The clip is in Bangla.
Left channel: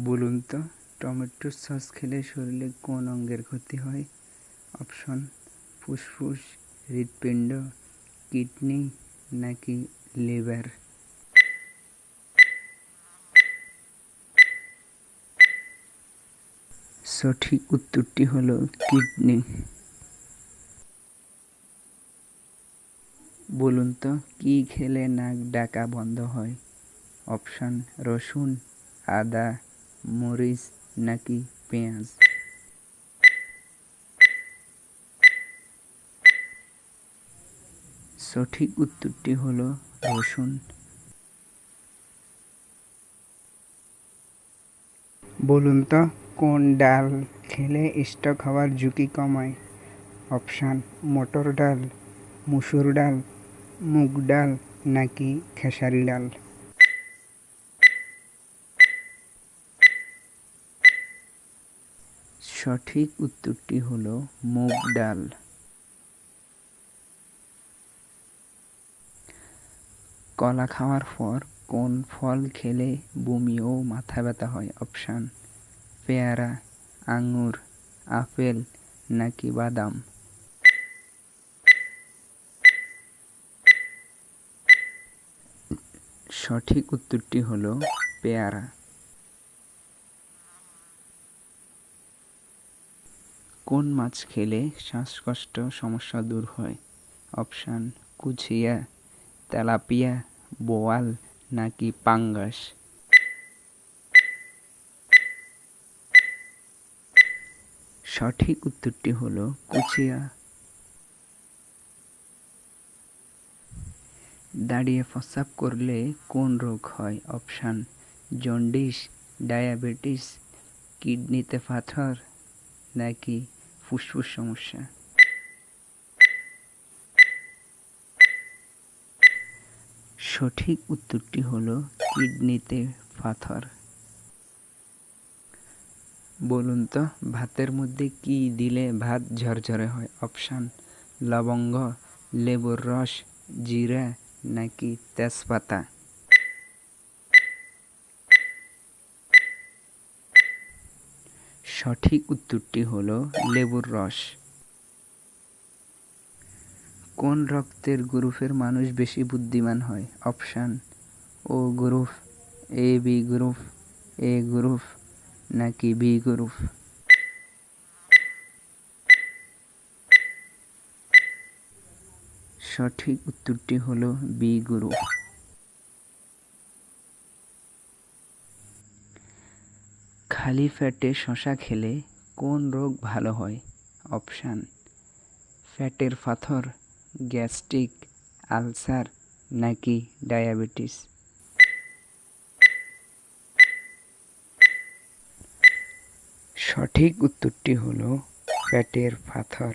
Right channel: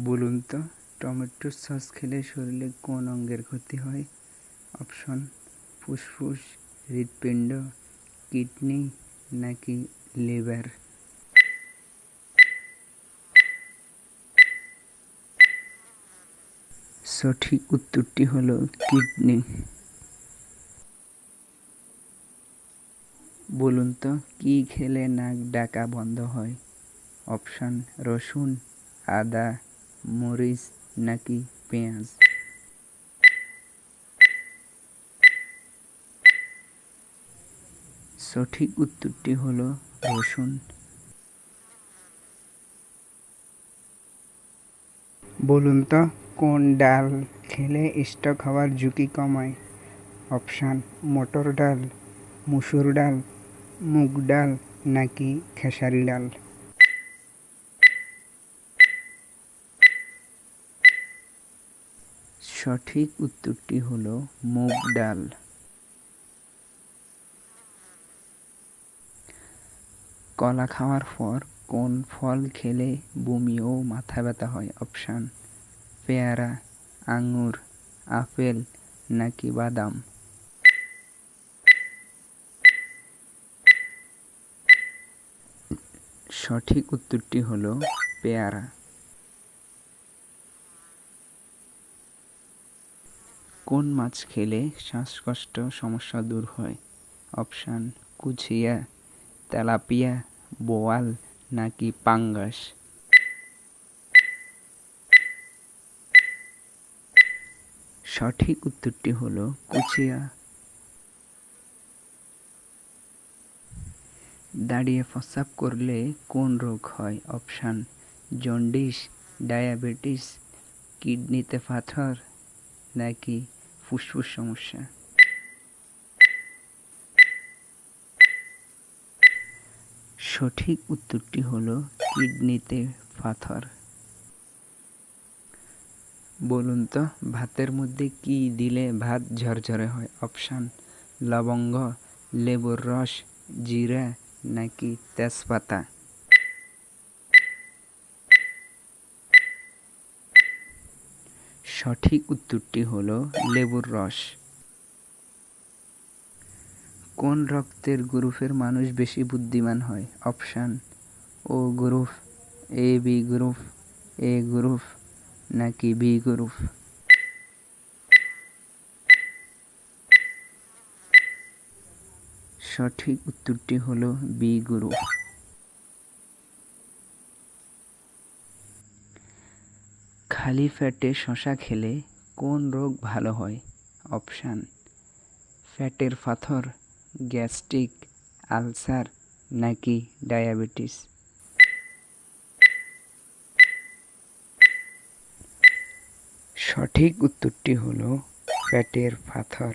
বলুন তো, টমেটো সস খেলে শরীরে কোন অঙ্গের ক্ষতি হয়? অপশন, ফুসফুস, হৃৎপিণ্ড, কিডনি নাকি লিভার? সঠিক উত্তরটি হলো কিডনি। বলুন তো, কি খেলে নাক ডাকা বন্ধ হয়? অপশান, রসুন, আদা মরিচ নাকি পেঁয়াজ? সঠিক উত্তরটি হল রসুন। বলুন তো, কোন ডাল খেলে স্টক হওয়ার ঝুঁকি কমায়? অপশান, মটর ডাল, মুসুর ডাল, মুগ ডাল নাকি খেসারি ডাল? সঠিক উত্তরটি হলো মুগ ডাল। কলা খাওয়ার পর কোন ফল খেলে বমি ও মাথা ব্যথা হয়? অপশান, পেয়ারা, আঙুর, আপেল নাকি বাদাম? সঠিক উত্তরটি হলো পেয়ারা। কোন মাছ খেলে শ্বাসকষ্ট সমস্যা দূর হয়? অপশান, কুচিয়া, তেলাপিয়া, বোয়াল নাকি পাঙ্গাস? সঠিক উত্তরটি হলো কুচিয়া। দাঁড়িয়ে প্রস্রাব করলে কোন রোগ হয়? অপশান, জন্ডিস, ডায়াবেটিস, কিডনিতে পাথর নাকি ফুসফুস সমস্যা। সঠিক উত্তরটি হলো কিডনিতে পাথর। বলুন তো, ভাতের মধ্যে কি দিলে ভাত ঝরঝরে হয়? অপশান, লবঙ্গ, লেবুর রস, জিরা নাকি তেজপাতা? সঠিক উত্তরটি হলো লেবুর রস। কোন রক্তের গ্রুপের মানুষ বেশি বুদ্ধিমান হয়? Option O group, A, B group, A group নাকি বি গ্রুপ? সঠিক উত্তরটি হলো বি গ্রুপ। খালি ফ্যাটে শশা খেলে কোন রোগ ভালো হয়? অপশান, ফ্যাটের পাথর, গ্যাস্ট্রিক, আলসার নাকি ডায়াবেটিস? সঠিক উত্তরটি হলো ফ্যাটের পাথর।